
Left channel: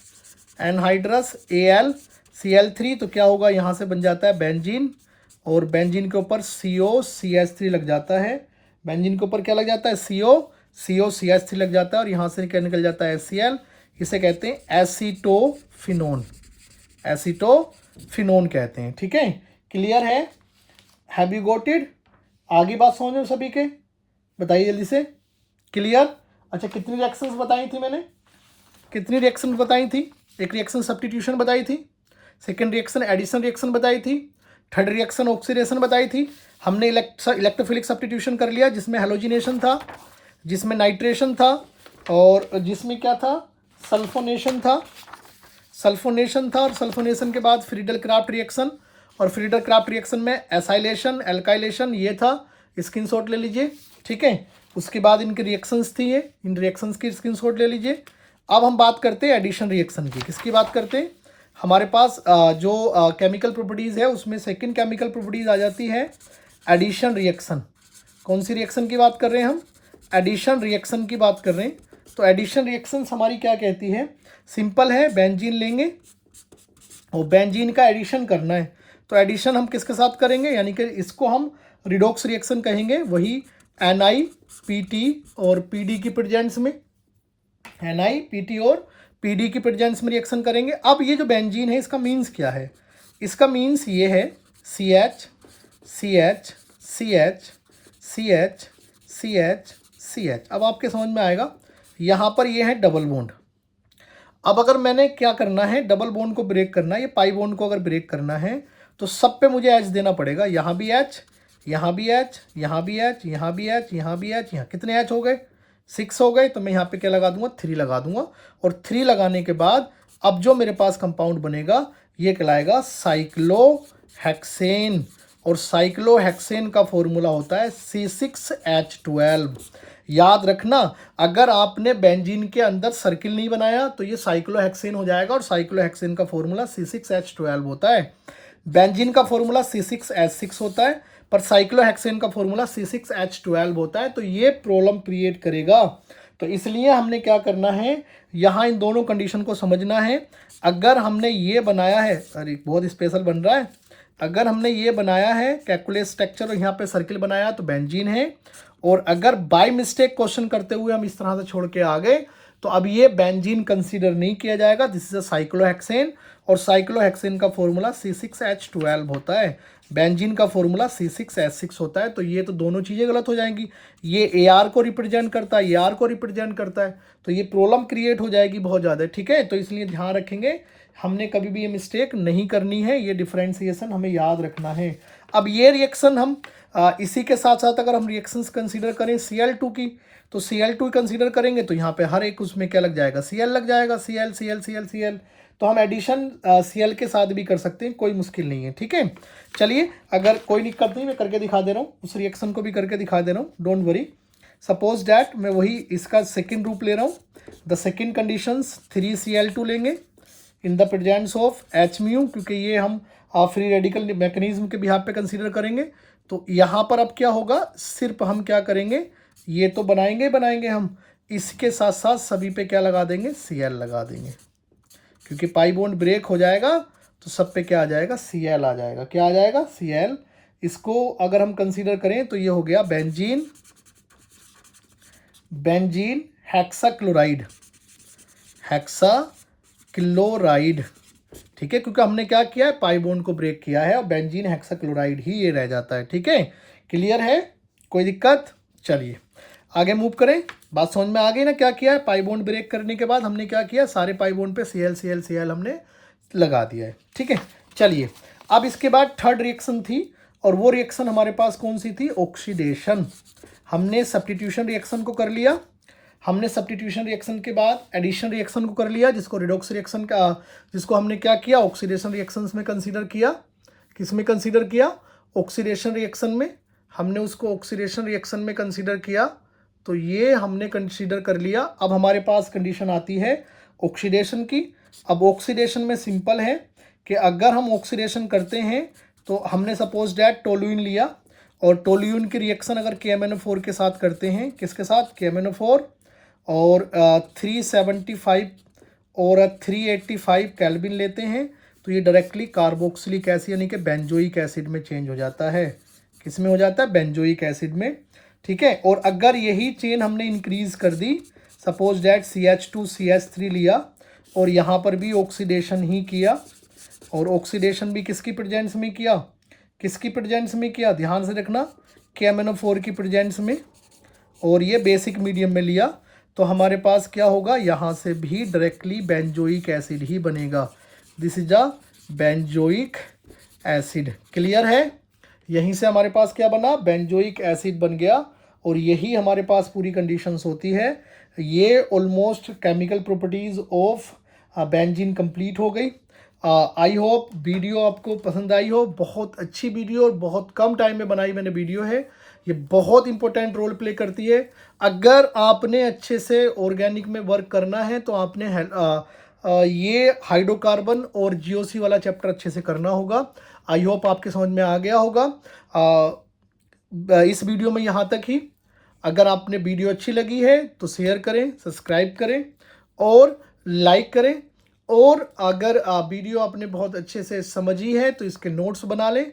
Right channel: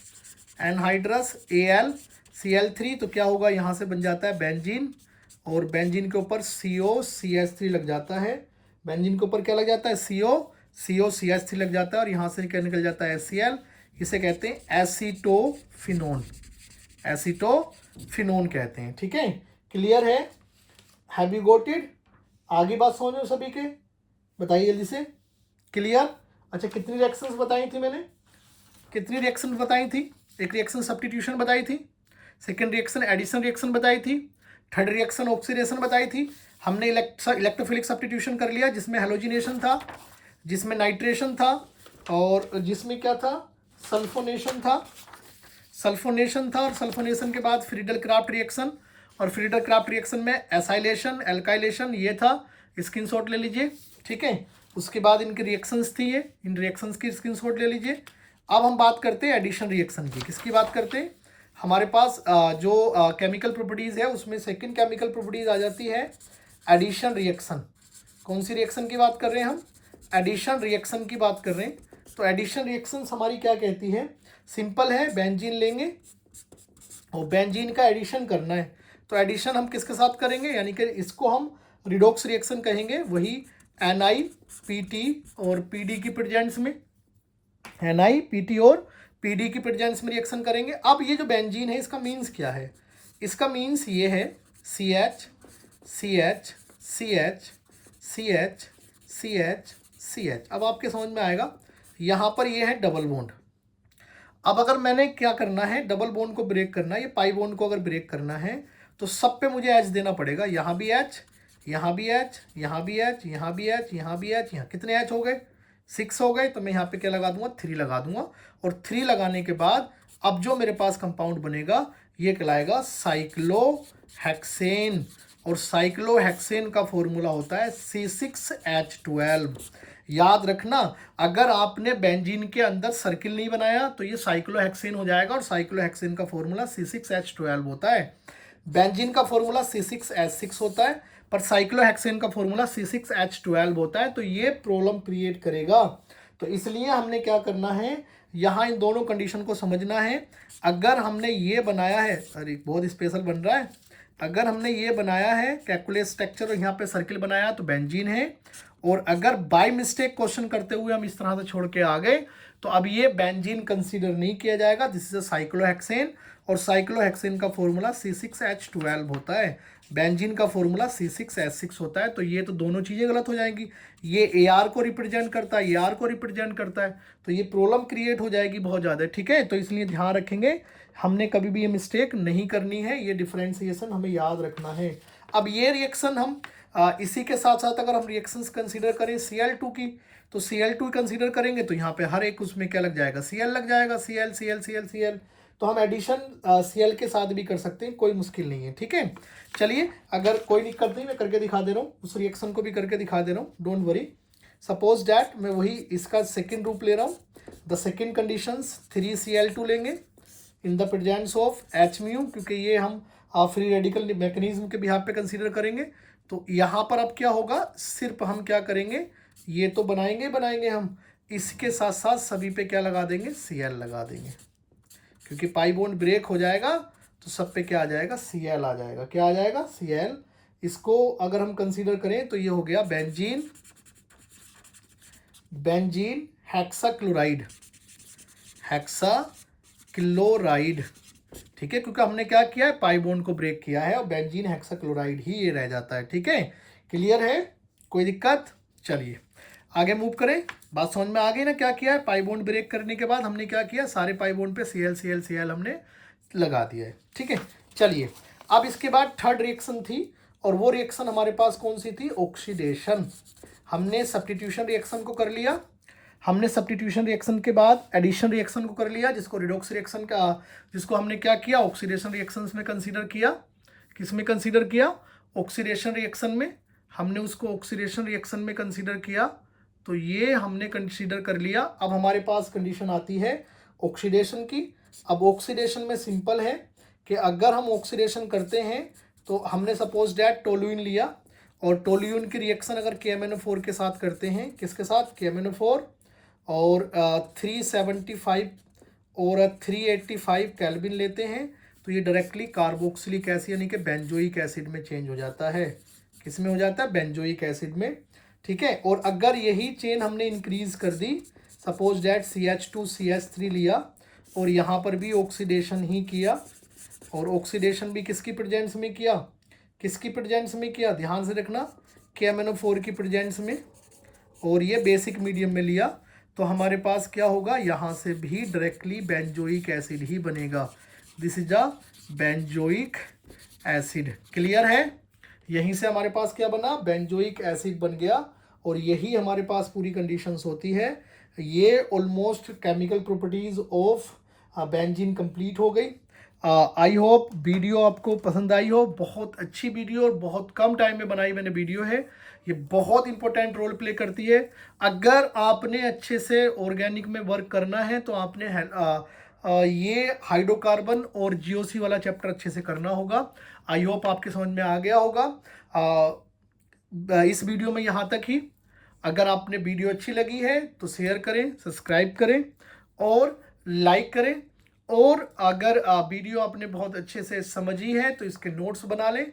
AlCl3। तो क्या होगा? यहाँ से बन जाता है बेंजीन, और बेंजीन के ऊपर COCH3 लग जाता है। बेंजीन के ऊपर क्या लग जाता है? COCH3 लग जाता है, और यहाँ से क्या निकल जाता है? HCl। इसे कहते हैं एसीटोफिनोन। एसीटोफिनोन कहते हैं। ठीक है? क्लियर है? Have you got it? आगे बात समझो सभी के, बताइए जल्दी से। क्लियर? अच्छा, कितनी रिएक्शंस बताई थी मैंने? कितनी रिएक्शंस बताई थी? एक रिएक्शन सब्स्टिट्यूशन बताई थी, सेकेंड रिएक्शन एडिशन रिएक्शन बताई थी, थर्ड रिएक्शन ऑक्सीडेशन बताई थी। हमने इलेक्ट्रोफिलिक सब्स्टिट्यूशन कर लिया, जिसमें हेलोजिनेशन था, जिसमें नाइट्रेशन था, और जिसमें क्या था, सल्फोनेशन था। सल्फोनेशन था, और सल्फोनेशन के बाद फ्रीडल क्राफ्ट रिएक्शन, और फ्रीडल क्राफ्ट रिएक्शन में एसाइलेशन, एल्काइलेशन, ये था। स्क्रीनशॉट ले लीजिए, ठीक है। उसके बाद इनकी रिएक्शंस थी ये, इन रिएक्शंस की स्क्रीनशॉट ले लीजिए। अब हम बात करते हैं एडिशन रिएक्शन की। किसकी बात करते हैं? हमारे पास जो केमिकल प्रॉपर्टीज़ है उसमें सेकंड केमिकल प्रॉपर्टीज़ आ जाती है एडिशन रिएक्शन। कौन सी रिएक्शन की बात कर रहे हैं हम? एडिशन रिएक्शन की बात कर रहे हैं। तो एडिशन रिएक्शंस हमारी क्या कहती है? सिंपल है, बेंजीन लेंगे और बेंजीन का एडिशन करना है। तो एडिशन हम किसके साथ करेंगे, यानी कि इसको हम रिडॉक्स रिएक्शन कहेंगे। वही NiPT और PD की प्रेजेंस में, NiPT और PD की प्रेजेंस में रिएक्शन करेंगे। अब ये जो बेंजीन है इसका मीन्स क्या है? इसका मीन्स ये है CH CH CH CH CH CH। अब आपके समझ में आएगा, यहाँ पर ये है डबल बॉन्ड। अब अगर मैंने क्या करना है, डबल बॉन्ड को ब्रेक करना है, ये पाई बॉन्ड को अगर ब्रेक करना है तो सब पे मुझे H देना पड़ेगा। यहाँ भी H, यहाँ भी H, यहाँ भी H, यहाँ भी H, यहाँ भी H, यहाँ कितने H हो गए? 6 हो गए। तो मैं यहाँ पे क्या लगा दूंगा? 3 लगा दूंगा। और 3 लगाने के बाद अब जो मेरे पास कंपाउंड बनेगा ये कहलाएगा साइक्लोहेक्सेन। और साइक्लोहेक्सेन का फॉर्मूला होता है C6H12। याद रखना, अगर आपने बेंजीन के अंदर सर्किल नहीं बनाया तो ये साइक्लोहेक्सेन हो जाएगा, और साइक्लोहेक्सेन का फॉर्मूला C6H12 होता है। बेंजीन का फॉर्मूला C6H6 होता है, पर साइक्लोहेक्सेन का फॉर्मूला C6H12 होता है। तो ये प्रॉब्लम क्रिएट करेगा। तो इसलिए हमने क्या करना है, यहाँ इन दोनों कंडीशन को समझना है। अगर हमने ये बनाया है, अरे बहुत स्पेशल बन रहा है, अगर हमने ये बनाया है कैलकुलेट स्ट्रक्चर और यहाँ पे सर्किल बनाया तो बेंजीन है। और अगर बाय मिस्टेक क्वेश्चन करते हुए हम इस तरह से छोड़ के आ गए तो अब ये बेंजीन कंसीडर नहीं किया जाएगा, दिस इज अ साइक्लोहेक्सेन। और साइक्लोहेक्सेन का फॉर्मूला C6H12 होता है, बेंजीन का फॉर्मूला C6H6 होता है। तो ये तो दोनों चीज़ें गलत हो जाएंगी। ये AR को रिप्रेजेंट करता है, AR को रिप्रेजेंट करता है, तो ये प्रॉब्लम क्रिएट हो जाएगी बहुत ज़्यादा, ठीक है। तो इसलिए ध्यान रखेंगे, हमने कभी भी ये मिस्टेक नहीं करनी है, ये डिफ्रेंसिएशन हमें याद रखना है। अब ये रिएक्शन हम इसी के साथ साथ अगर हम रिएक्शंस कंसीडर करें Cl2 की, तो Cl2 कंसीडर करेंगे तो यहाँ पे हर एक उसमें क्या लग जाएगा? Cl लग जाएगा, Cl Cl Cl Cl। तो हम एडिशन Cl के साथ भी कर सकते हैं, कोई मुश्किल नहीं है, ठीक है। चलिए, अगर कोई दिक्कत नहीं, मैं करके दिखा दे रहा हूँ, उस रिएक्शन को भी करके दिखा दे रहा हूँ, डोंट वरी। सपोज डैट मैं वही इसका सेकेंड रूप ले रहा हूँ। द सेकेंड कंडीशंस 3Cl2 लेंगे इन द प्रेजेंस ऑफ H-म्यू, क्योंकि ये हम फ्री रेडिकल मैकेनिज्म के बिहाफ पे कंसीडर करेंगे। तो यहाँ पर अब क्या होगा, सिर्फ हम क्या करेंगे, ये तो बनाएंगे हम, इसके साथ साथ सभी पे क्या लगा देंगे? Cl लगा देंगे, क्योंकि पाई बॉन्ड ब्रेक हो जाएगा तो सब पे क्या आ जाएगा? Cl आ जाएगा। क्या आ जाएगा? Cl। इसको अगर हम कंसीडर करें तो ये हो गया बेंजीन हेक्साक्लोराइड, हेक्साक्लोराइड, ठीक है, क्योंकि हमने क्या किया है? पाई बॉन्ड को ब्रेक किया है और बेंजीन हेक्साक्लोराइड ही ये रह जाता है, ठीक है। क्लियर है? कोई दिक्कत? चलिए आगे मूव करें। बात समझ में आ गई ना? क्या किया है? पाई बॉन्ड ब्रेक करने के बाद हमने क्या किया? सारे पाई बॉन्ड पे Cl Cl Cl हमने लगा दिया है, ठीक है। चलिए, अब इसके बाद थर्ड रिएक्शन थी, और वो रिएक्शन हमारे पास कौन सी थी? ऑक्सीडेशन। हमने सब्स्टिट्यूशन रिएक्शन को कर लिया, हमने सब्स्टिट्यूशन रिएक्शन के बाद एडिशन रिएक्शन को कर लिया, जिसको रिडॉक्स रिएक्शन का, जिसको हमने क्या किया? ऑक्सीडेशन रिएक्शंस में कंसीडर किया। किस में कंसीडर किया? ऑक्सीडेशन रिएक्शन में। हमने उसको ऑक्सीडेशन रिएक्शन में कंसीडर किया, तो ये हमने कंसीडर कर लिया। अब हमारे पास कंडीशन आती है ऑक्सीडेशन की। अब ऑक्सीडेशन में सिंपल है कि अगर हम ऑक्सीडेशन करते हैं तो हमने सपोज डैट टोलुइन लिया, और टोलुइन की रिएक्शन अगर KMnO4 के साथ करते हैं, किसके साथ? KMnO4, और 375 और 385 केल्विन लेते हैं, तो ये डायरेक्टली कार्बोक्सिलिक एसिड यानी कि बेंजोइक एसिड में चेंज हो जाता है। किस में हो जाता है? बेंजोइक एसिड में, ठीक है। और अगर यही चेन हमने इंक्रीज कर दी, सपोज डैट CH2 CH3 लिया और यहाँ पर भी ऑक्सीडेशन ही किया, और ऑक्सीडेशन भी किसकी प्रेजेंस में किया? किसकी प्रेजेंस में किया? ध्यान से रखना, KMnO4 की प्रेजेंस में, और ये बेसिक मीडियम में लिया, तो हमारे पास क्या होगा? यहाँ से भी डायरेक्टली बेंजोइक एसिड ही बनेगा। This is a benzoic acid. Clear है? यहीं से हमारे पास क्या बना? बेंजोइक एसिड बन गया। और यही हमारे पास पूरी कंडीशंस होती है। ये almost chemical properties of benzene complete हो गई। आई होप वीडियो आपको पसंद आई हो। बहुत अच्छी वीडियो और बहुत कम टाइम में बनाई मैंने वीडियो है। ये बहुत इंपॉर्टेंट रोल प्ले करती है। अगर आपने अच्छे से ऑर्गेनिक में वर्क करना है तो आपने ये हाइड्रोकार्बन और जीओसी वाला चैप्टर अच्छे से करना होगा। आई होप आपके समझ में आ गया होगा। इस वीडियो में यहाँ तक ही। अगर आपने वीडियो अच्छी लगी है तो शेयर करें, सब्सक्राइब करें और लाइक करें। और अगर वीडियो आपने बहुत अच्छे से समझी है तो इसके नोट्स बना लें।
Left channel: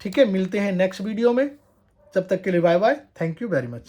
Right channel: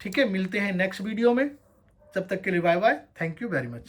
ठीक है, मिलते हैं नेक्स्ट वीडियो में। तब तक के लिए bye bye. Thank you very much.